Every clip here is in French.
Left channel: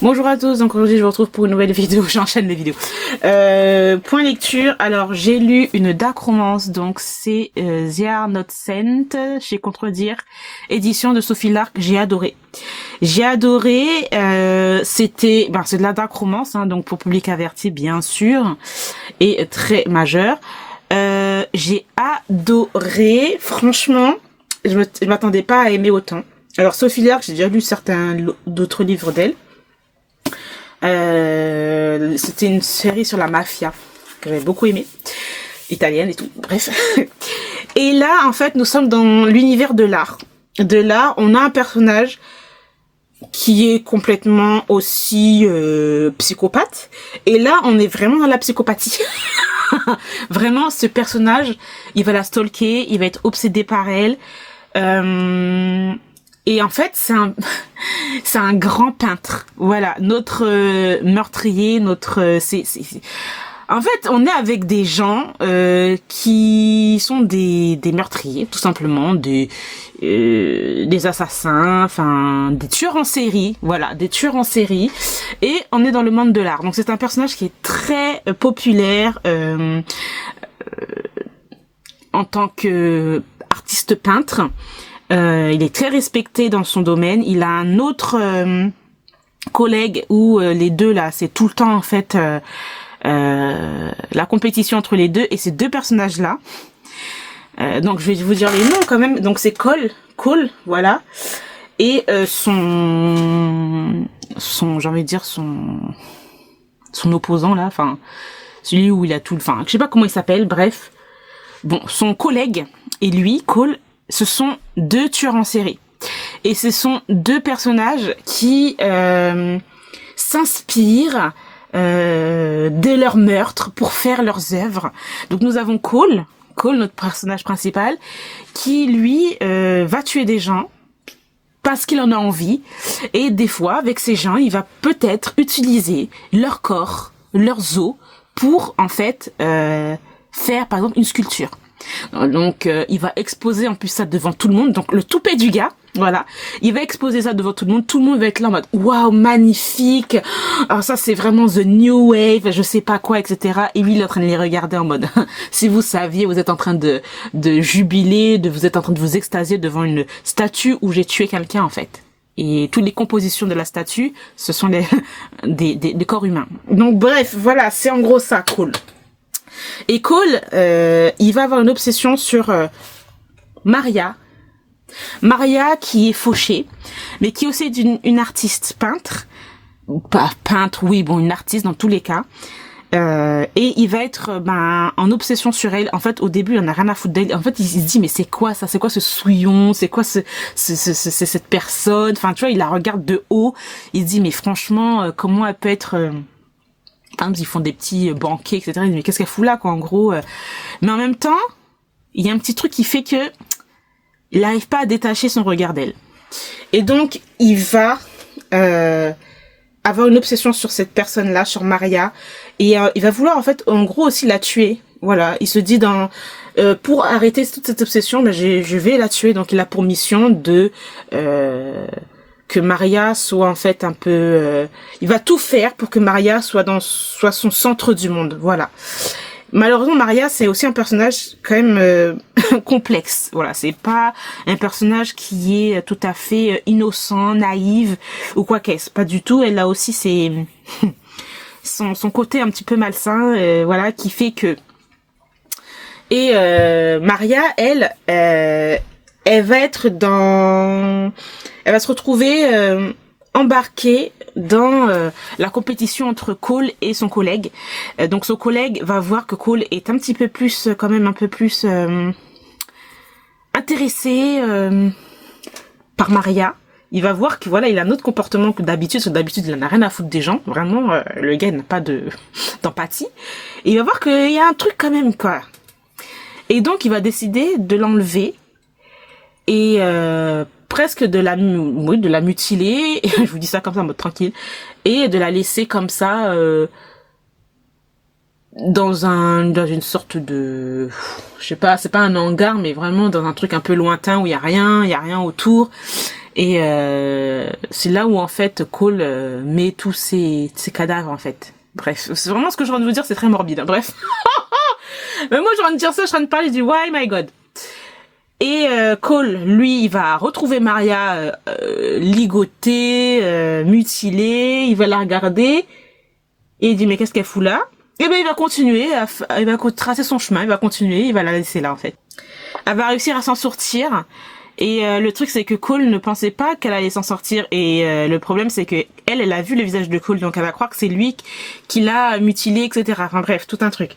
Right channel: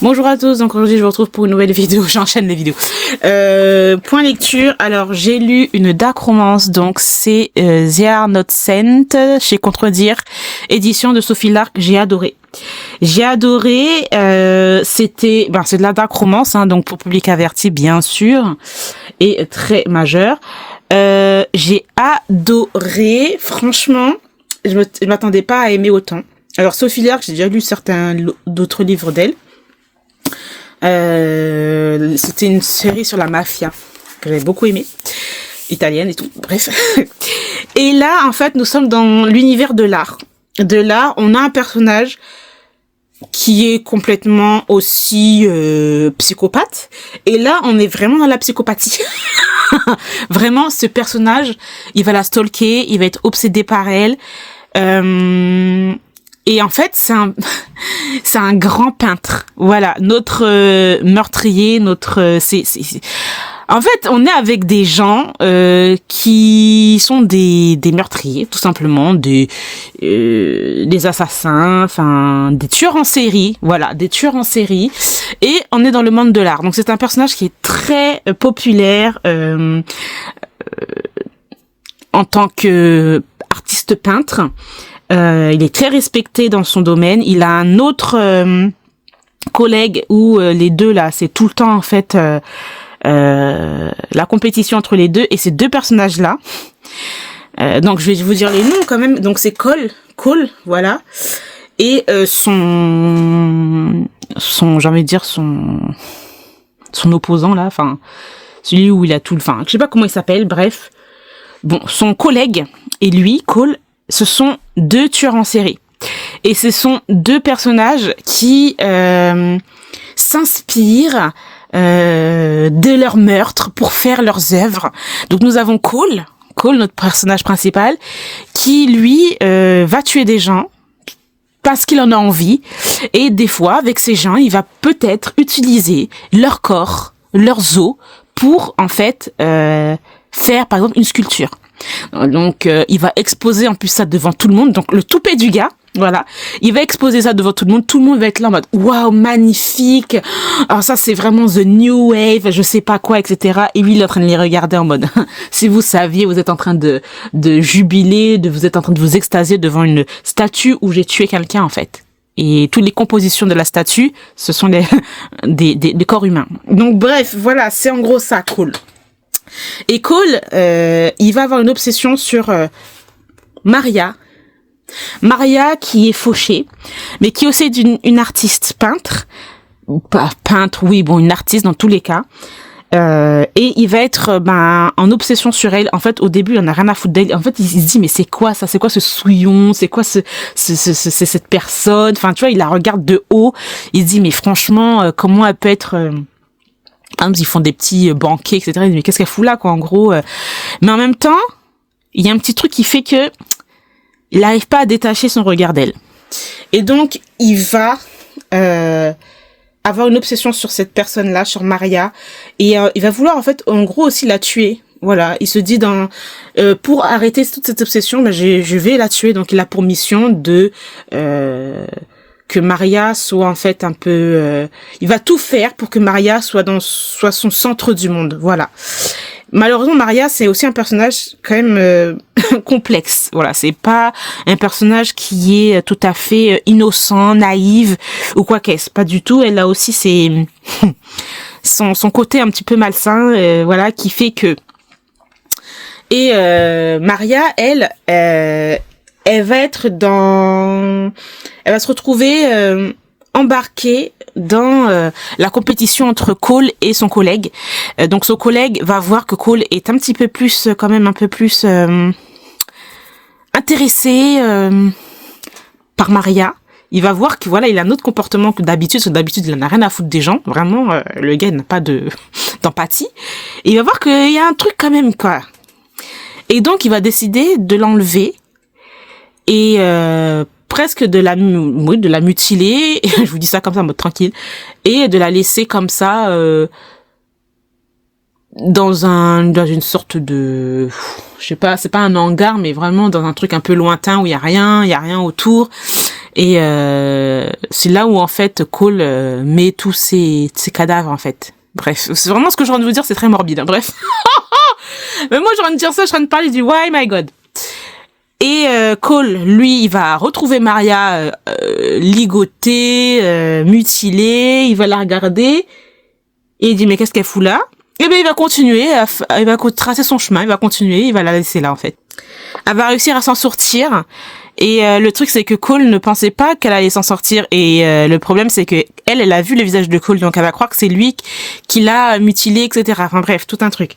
Bonjour à tous, donc aujourd'hui je vous retrouve pour une nouvelle vidéo, j'enchaîne les vidéos. Point lecture, alors j'ai lu une dark romance, donc c'est They Are Not Sent, chez Contredire, édition de Sophie Lark, j'ai adoré. J'ai adoré, c'est de la dark romance, hein, donc pour public averti bien sûr, et très majeur. J'ai adoré, franchement, je m'attendais pas à aimer autant. Alors Sophie Lark, j'ai déjà lu certains d'autres livres d'elle. C'était une série sur la mafia que j'avais beaucoup aimé, italienne et tout, bref. Et là, en fait, nous sommes dans l'univers de l'art. De l'art, on a un personnage qui est complètement aussi psychopathe. Et là, on est vraiment dans la psychopathie. Vraiment, ce personnage, il va la stalker, il va être obsédé par elle. Et en fait, c'est un grand peintre. Voilà, notre meurtrier, En fait, on est avec des gens qui sont des meurtriers, tout simplement, des assassins, enfin des tueurs en série. Voilà, des tueurs en série. Et on est dans le monde de l'art. Donc c'est un personnage qui est très populaire en tant que artiste peintre. Il est très respecté dans son domaine. Il a un autre collègue où les deux là, c'est tout le temps en fait la compétition entre les deux et ces deux personnages là. Donc je vais vous dire les noms quand même. Donc c'est Cole, voilà. Et son j'ai envie de dire son opposant là, enfin celui où il a tout le, enfin je sais pas comment il s'appelle, bref. Bon, son collègue et lui, Cole, ce sont deux tueurs en série. Et ce sont deux personnages qui s'inspirent de leurs meurtres pour faire leurs œuvres. Donc nous avons Cole, notre personnage principal, qui lui va tuer des gens parce qu'il en a envie. Et des fois, avec ces gens, il va peut-être utiliser leur corps, leurs os, pour en fait faire par exemple une sculpture. Donc il va exposer en plus ça devant tout le monde, donc le toupet du gars, voilà, il va exposer ça devant tout le monde va être là en mode waouh, magnifique, alors ça c'est vraiment the new wave, je sais pas quoi, etc. Et lui il est en train de les regarder en mode si vous saviez, vous êtes en train de jubiler, vous êtes en train de vous extasier devant une statue où j'ai tué quelqu'un en fait. Et toutes les compositions de la statue, ce sont des corps humains. Donc bref, voilà, c'est en gros ça, cool. Et Cole, il va avoir une obsession sur Maria qui est fauchée, mais qui est aussi une artiste peintre, pas peintre, oui, bon, une artiste dans tous les cas. Et il va être en obsession sur elle. En fait, au début, il en a rien à foutre d'elle. En fait, il se dit mais c'est quoi ça, c'est quoi ce souillon, c'est quoi cette personne. Enfin, tu vois, il la regarde de haut. Il se dit mais franchement, comment elle peut être ils font des petits banquets, etc. Mais qu'est-ce qu'elle fout là, quoi, en gros. Mais en même temps, il y a un petit truc qui fait que il n'arrive pas à détacher son regard d'elle. Et donc, il va avoir une obsession sur cette personne-là, sur Maria. Et il va vouloir, en fait, en gros, aussi la tuer. Voilà, il se dit pour arrêter toute cette obsession, je vais la tuer. Donc, il a pour mission de que Maria soit en fait un peu il va tout faire pour que Maria soit son centre du monde, voilà. Malheureusement, Maria, c'est aussi un personnage quand même complexe. Voilà, c'est pas un personnage qui est tout à fait innocent, naïve ou quoi qu'est-ce, pas du tout. Elle a aussi son côté un petit peu malsain, voilà, qui fait que Maria, elle va être elle va se retrouver embarquée dans la compétition entre Cole et son collègue. Donc son collègue va voir que Cole est un petit peu plus, quand même un peu plus intéressé par Maria. Il va voir que voilà, il a un autre comportement que d'habitude, parce que d'habitude il en a rien à foutre des gens. Vraiment, le gars n'a pas d'empathie. Et il va voir qu'il y a un truc quand même, quoi. Et donc il va décider de l'enlever et presque de la mutiler, je vous dis ça comme ça en mode tranquille, et de la laisser comme ça dans une sorte de, je sais pas, c'est pas un hangar, mais vraiment dans un truc un peu lointain où il y a rien autour. Et c'est là où en fait Cole met tous ses cadavres en fait. Bref, c'est vraiment ce que j'ai envie de vous dire, c'est très morbide. Hein. Bref. Mais moi j'ai envie de dire ça, je suis en train de parler du Why My God. Et Cole, lui, il va retrouver Maria ligotée, mutilée, il va la regarder et il dit mais qu'est-ce qu'elle fout là? Et ben il va continuer, il va tracer son chemin, il va continuer, il va la laisser là en fait. Elle va réussir à s'en sortir. Et le truc c'est que Cole ne pensait pas qu'elle allait s'en sortir et le problème c'est que elle a vu le visage de Cole donc elle va croire que c'est lui qui l'a mutilé, etc. Enfin bref, tout un truc.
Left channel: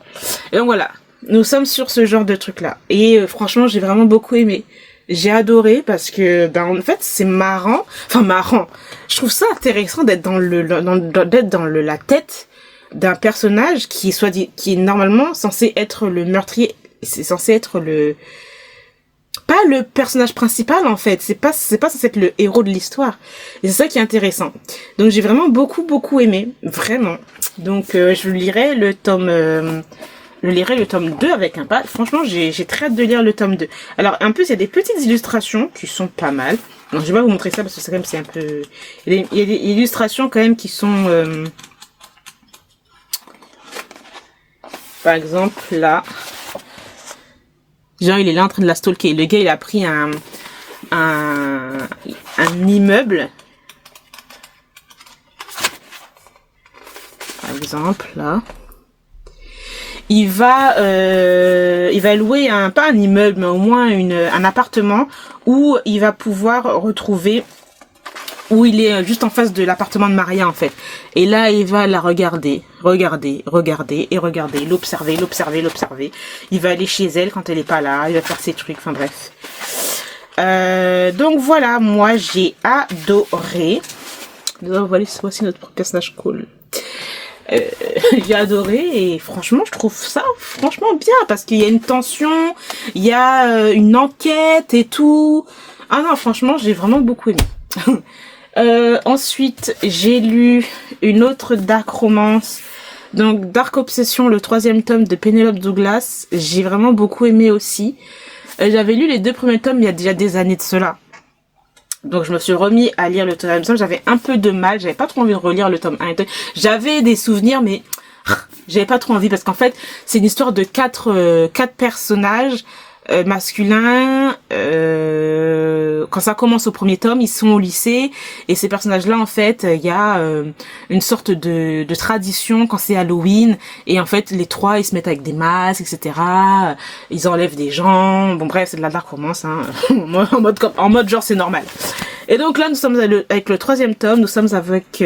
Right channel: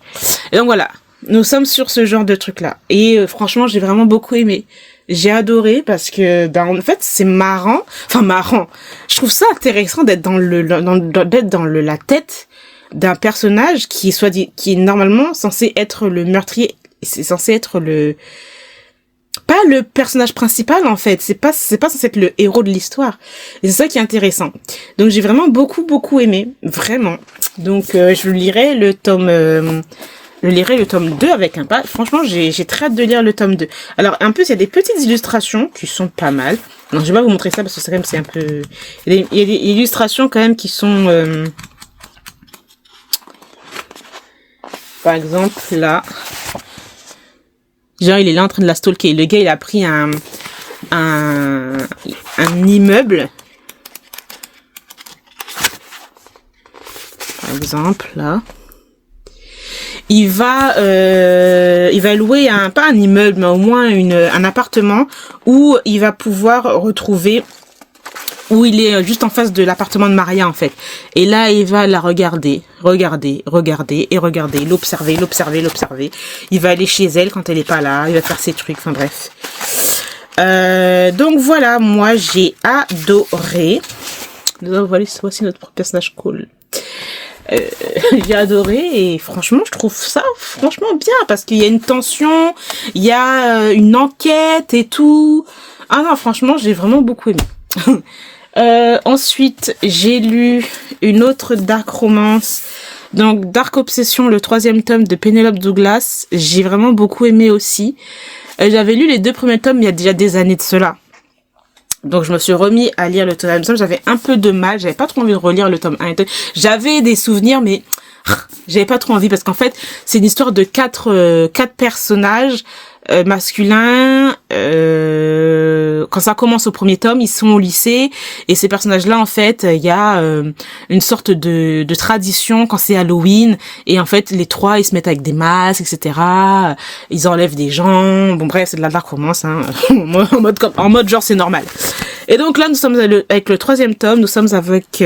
Et donc voilà, nous sommes sur ce genre de truc là et franchement j'ai vraiment beaucoup aimé. J'ai adoré parce que en fait c'est marrant, enfin marrant. Je trouve ça intéressant d'être dans la tête d'un personnage qui est normalement censé être le meurtrier, c'est censé être pas le personnage principal en fait, c'est pas censé être le héros de l'histoire. Et c'est ça qui est intéressant. Donc j'ai vraiment beaucoup aimé, vraiment. Donc je lirai le tome 2 avec un pas. Franchement, j'ai très hâte de lire le tome 2. Alors en plus, il y a des petites illustrations qui sont pas mal. Non, je vais pas vous montrer ça parce que c'est un peu il y a des illustrations quand même qui sont par exemple là. Genre, il est là en train de la stalker. Le gars, il a pris un immeuble. Par exemple, là. Il va louer pas un immeuble, mais au moins un appartement où il va pouvoir retrouver, où il est juste en face de l'appartement de Maria, en fait. Et là, il va la regarder, l'observer. Il va aller chez elle quand elle est pas là, il va faire ses trucs, enfin bref. Donc voilà, moi j'ai adoré. Voici notre personnage Cole. J'ai adoré et franchement je trouve ça franchement bien parce qu'il y a une tension, il y a une enquête et tout. Ah non, franchement j'ai vraiment beaucoup aimé. Ensuite, j'ai lu une autre dark romance, donc Dark Obsession, le 3e tome de Penelope Douglas. J'ai vraiment beaucoup aimé aussi. J'avais lu les 2 premiers tomes il y a déjà des années de cela. Donc je me suis remis à lire le tome 1. J'avais un peu de mal, j'avais pas trop envie de relire le tome 1 et 2. J'avais des souvenirs mais j'avais pas trop envie parce qu'en fait, c'est une histoire de quatre personnages masculins. Quand ça commence au premier tome, ils sont au lycée et ces personnages-là, en fait, il y a une sorte de tradition quand c'est Halloween et en fait les 3 ils se mettent avec des masques, etc. Ils enlèvent des gens. Bon bref, c'est de la dark romance, hein. en mode genre c'est normal. Et donc là, nous sommes avec le 3e tome. Nous sommes avec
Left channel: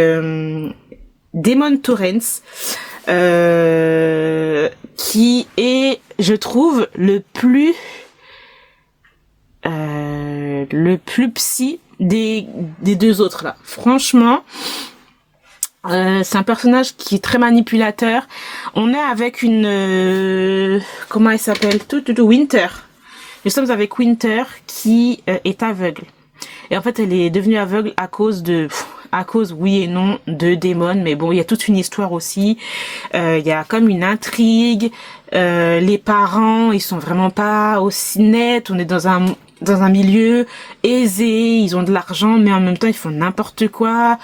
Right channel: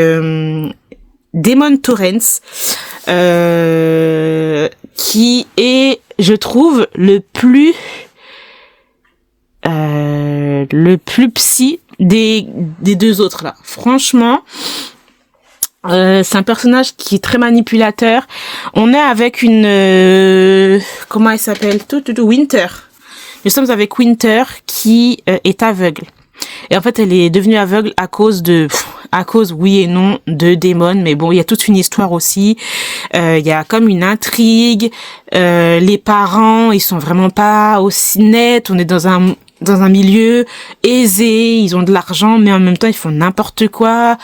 Damon Torrance, qui est, je trouve, le plus psy des 2 autres là. Franchement, c'est un personnage qui est très manipulateur. On est avec une comment elle s'appelle? Winter. Nous sommes avec Winter qui est aveugle. Et en fait, elle est devenue aveugle à cause oui et non de Damon, mais bon, il y a toute une histoire aussi. Il y a comme une intrigue. Les parents, ils sont vraiment pas aussi nets. On est dans un milieu aisé, ils ont de l'argent, mais en même temps ils font n'importe quoi.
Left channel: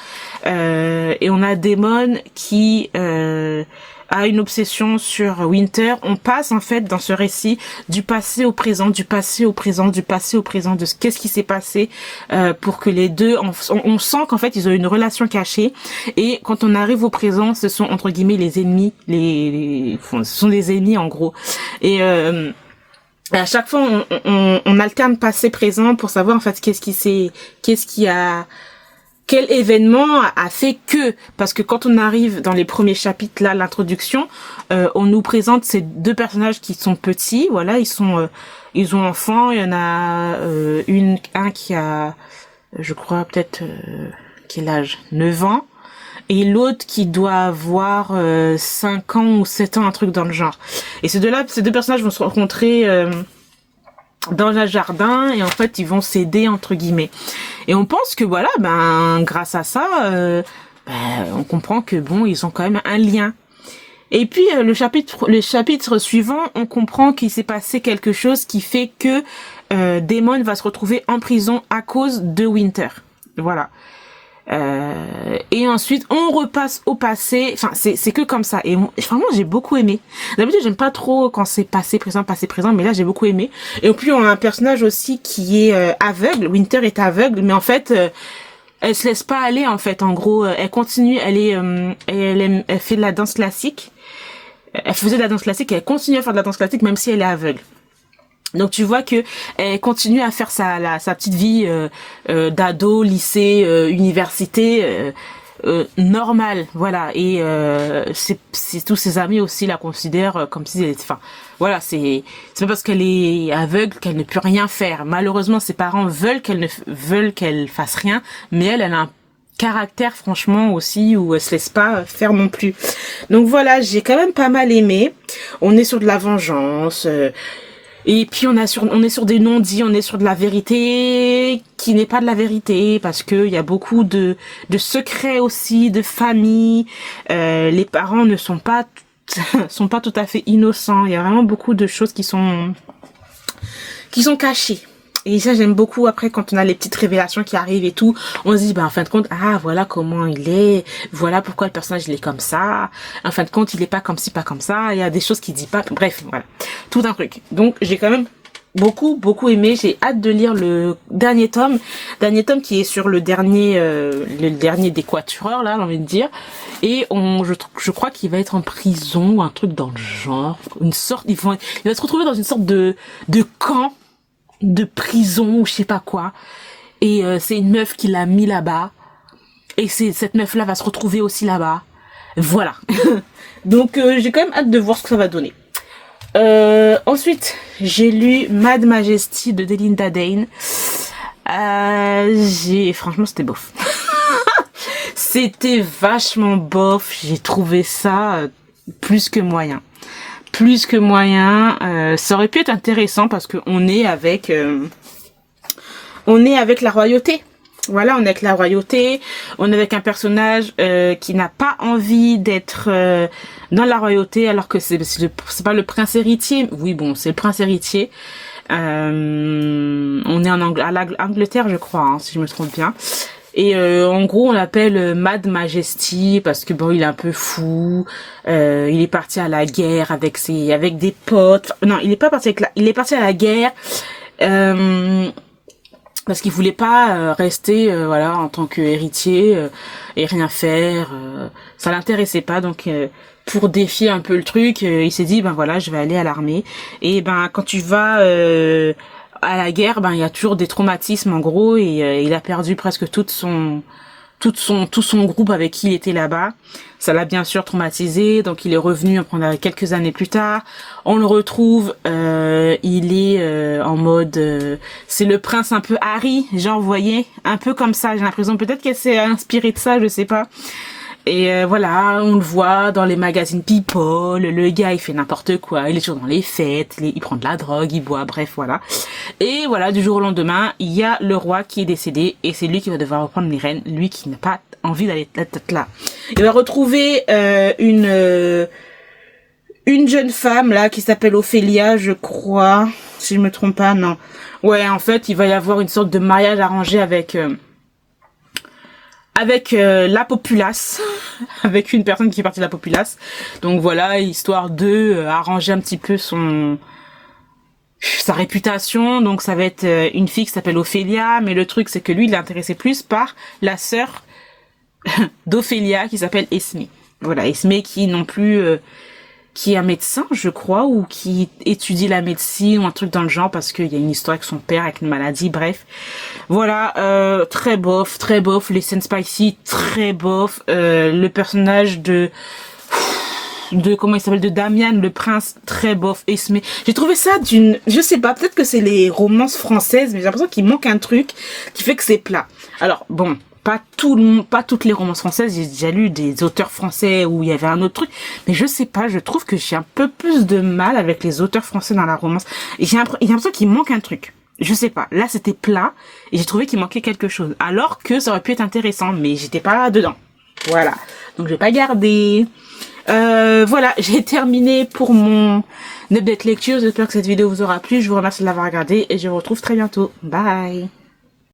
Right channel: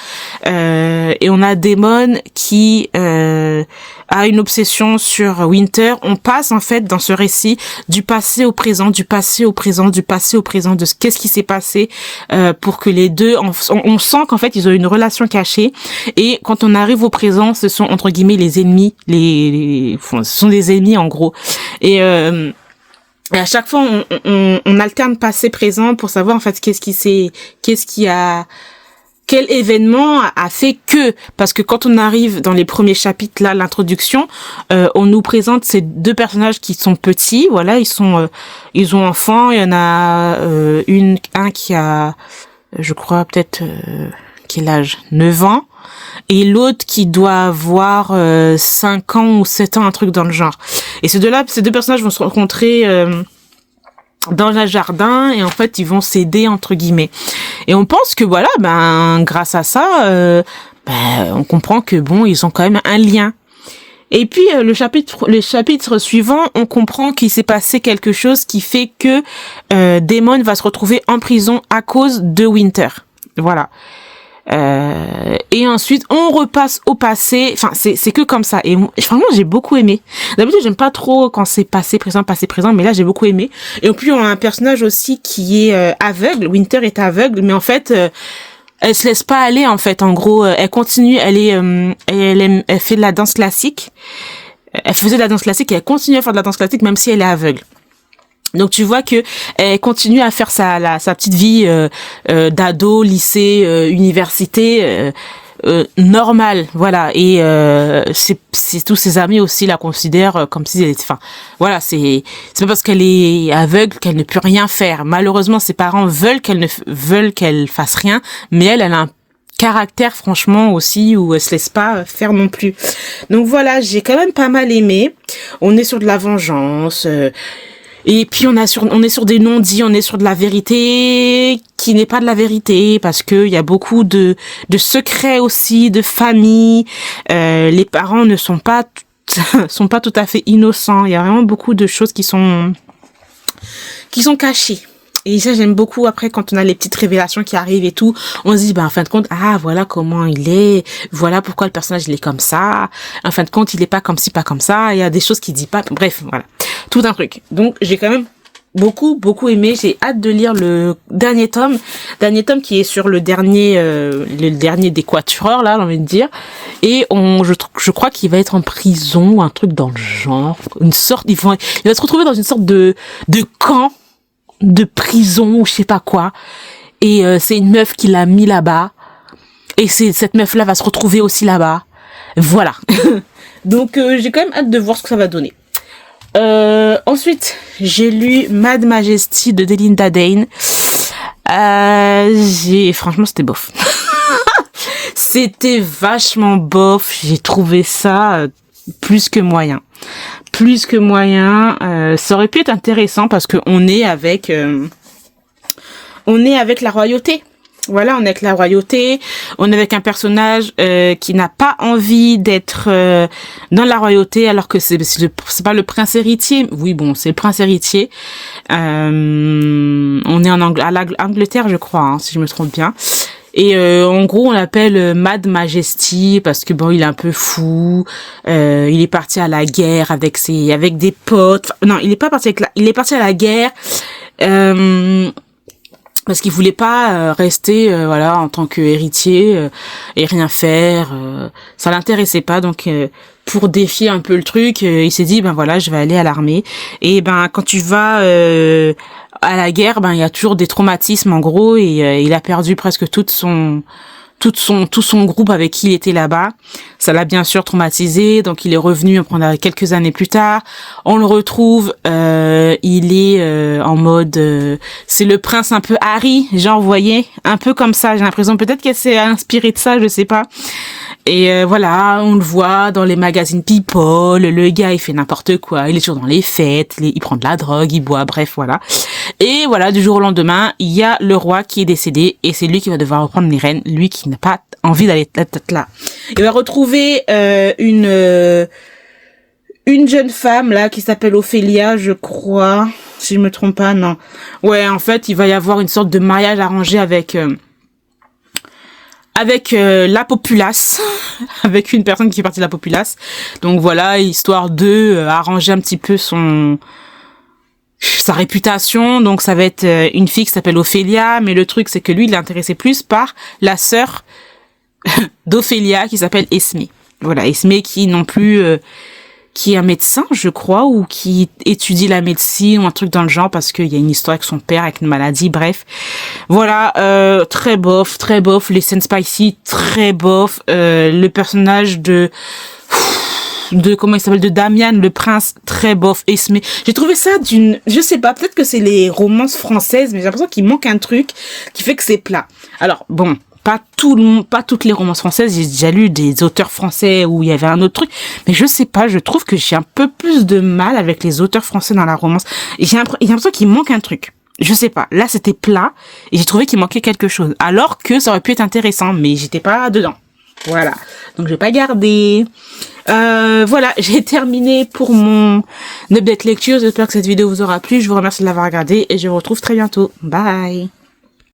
Et on a Damon qui a une obsession sur Winter. On passe en fait dans ce récit du passé au présent, de qu'est-ce qui s'est passé pour que les deux, on sent qu'en fait ils ont une relation cachée. Et quand on arrive au présent, ce sont entre guillemets les ennemis, ce sont des ennemis en gros. Et à chaque fois, on alterne passé-présent pour savoir en fait quel événement a fait que, parce que quand on arrive dans les premiers chapitres là, l'introduction, on nous présente ces 2 personnages qui sont petits, voilà, ils ont enfants, il y en a un qui a, je crois peut-être quel âge, 9 ans. Et l'autre qui doit avoir 5 ans ou 7 ans, un truc dans le genre. Et ces 2 personnages vont se rencontrer dans un jardin et en fait ils vont s'aider entre guillemets. Et on pense que voilà, grâce à ça, on comprend que bon, ils ont quand même un lien. Et puis le chapitre suivant, on comprend qu'il s'est passé quelque chose qui fait que Damon va se retrouver en prison à cause de Winter. Voilà. Et ensuite on repasse au passé. Enfin, c'est que comme ça. Et franchement, j'ai beaucoup aimé. D'habitude, j'aime pas trop quand c'est passé présent, mais là j'ai beaucoup aimé. Et puis on a un personnage aussi qui est aveugle. Winter est aveugle, mais en fait elle se laisse pas aller en fait. En gros, elle continue. Elle fait de la danse classique. Elle faisait de la danse classique et elle continue à faire de la danse classique même si elle est aveugle. Donc tu vois que elle continue à faire sa petite vie d'ado, lycée, université normale, voilà. Et c'est tous ses amis aussi la considèrent comme si elle était, enfin voilà, c'est pas parce qu'elle est aveugle qu'elle ne peut rien faire. Malheureusement, ses parents veulent qu'elle fasse rien, mais elle a un caractère franchement aussi où elle se laisse pas faire non plus. Donc voilà, j'ai quand même pas mal aimé. On est sur de la vengeance. Et puis on est sur des non-dits, on est sur de la vérité qui n'est pas de la vérité parce que il y a beaucoup de secrets aussi, de famille. Les parents ne sont pas tout à fait innocents. Il y a vraiment beaucoup de choses qui sont cachées. Et ça, j'aime beaucoup. Après, quand on a les petites révélations qui arrivent et tout, on se dit, en fin de compte, voilà comment il est. Voilà pourquoi le personnage, il est comme ça. En fin de compte, il est pas comme ci, pas comme ça. Il y a des choses qu'il dit pas. Bref, voilà. Tout un truc. Donc, j'ai quand même beaucoup aimé. J'ai hâte de lire le dernier tome. Dernier tome qui est sur le dernier des Quatuors, là, j'ai envie de dire. Et je crois qu'il va être en prison ou un truc dans le genre. Il va se retrouver dans une sorte de camp, de prison ou je sais pas quoi, et c'est une meuf qui l'a mis là-bas, et cette meuf là va se retrouver aussi là-bas, voilà. Donc j'ai quand même hâte de voir ce que ça va donner. Ensuite j'ai lu Mad Majesty de Delinda Dane. Franchement c'était bof. C'était vachement bof, j'ai trouvé ça plus que moyen. Ça aurait pu être intéressant parce que on est avec la royauté. Voilà, on est avec la royauté, on est avec un personnage qui n'a pas envie d'être dans la royauté alors que c'est pas le prince héritier. Oui, bon, c'est le prince héritier. On est à l'Angleterre, je crois, hein, si je me trompe bien. Et en gros, on l'appelle Mad Majesty parce que bon, il est un peu fou. Il est parti à la guerre avec des potes. Non, il est pas parti il est parti à la guerre parce qu'il voulait pas rester voilà en tant que héritier et rien faire. Ça l'intéressait pas, donc pour défier un peu le truc, il s'est dit voilà, je vais aller à l'armée. Et quand tu vas à la guerre, il y a toujours des traumatismes en gros, et il a perdu presque tout son groupe avec qui il était là-bas. Ça l'a bien sûr traumatisé, donc il est revenu quelques années plus tard. On le retrouve, il est en mode, c'est le prince un peu Harry, genre vous voyez, un peu comme ça. J'ai l'impression peut-être qu'elle s'est inspirée de ça, je sais pas. Et voilà, on le voit dans les magazines People, le gars il fait n'importe quoi, il est toujours dans les fêtes, il prend de la drogue, il boit, bref voilà. Et voilà, du jour au lendemain, il y a le roi qui est décédé et c'est lui qui va devoir reprendre les rênes, lui qui n'a pas envie d'aller là. Il va retrouver une jeune femme là qui s'appelle Ophélia, je crois, si je me trompe pas, non. Ouais, en fait, il va y avoir une sorte de mariage arrangé avec la populace, avec une personne qui est partie de la populace. Donc voilà, histoire de arranger un petit peu sa réputation. Donc ça va être une fille qui s'appelle Ophélia, mais le truc c'est que lui il est intéressé plus par la sœur d'Ophélia qui s'appelle Esmé. Voilà, Esmé qui non plus qui est un médecin, je crois, ou qui étudie la médecine ou un truc dans le genre parce qu'il y a une histoire avec son père, avec une maladie, bref. Voilà, très bof, les scènes spicy, très bof. Le personnage de comment il s'appelle, de Damian, le prince, très bof. Esmé, j'ai trouvé ça je sais pas, peut-être que c'est les romances françaises, mais j'ai l'impression qu'il manque un truc qui fait que c'est plat. Alors, bon, pas toutes les romances françaises, j'ai déjà lu des auteurs français où il y avait un autre truc, mais je sais pas, je trouve que j'ai un peu plus de mal avec les auteurs français dans la romance, et j'ai l'impression qu'il manque un truc. Je sais pas, là c'était plat, et j'ai trouvé qu'il manquait quelque chose, alors que ça aurait pu être intéressant, mais j'étais pas dedans. Voilà, donc je vais pas garder. Voilà, j'ai terminé pour mon update lecture. J'espère que cette vidéo vous aura plu. Je vous remercie de l'avoir regardé et je vous retrouve très bientôt. Bye.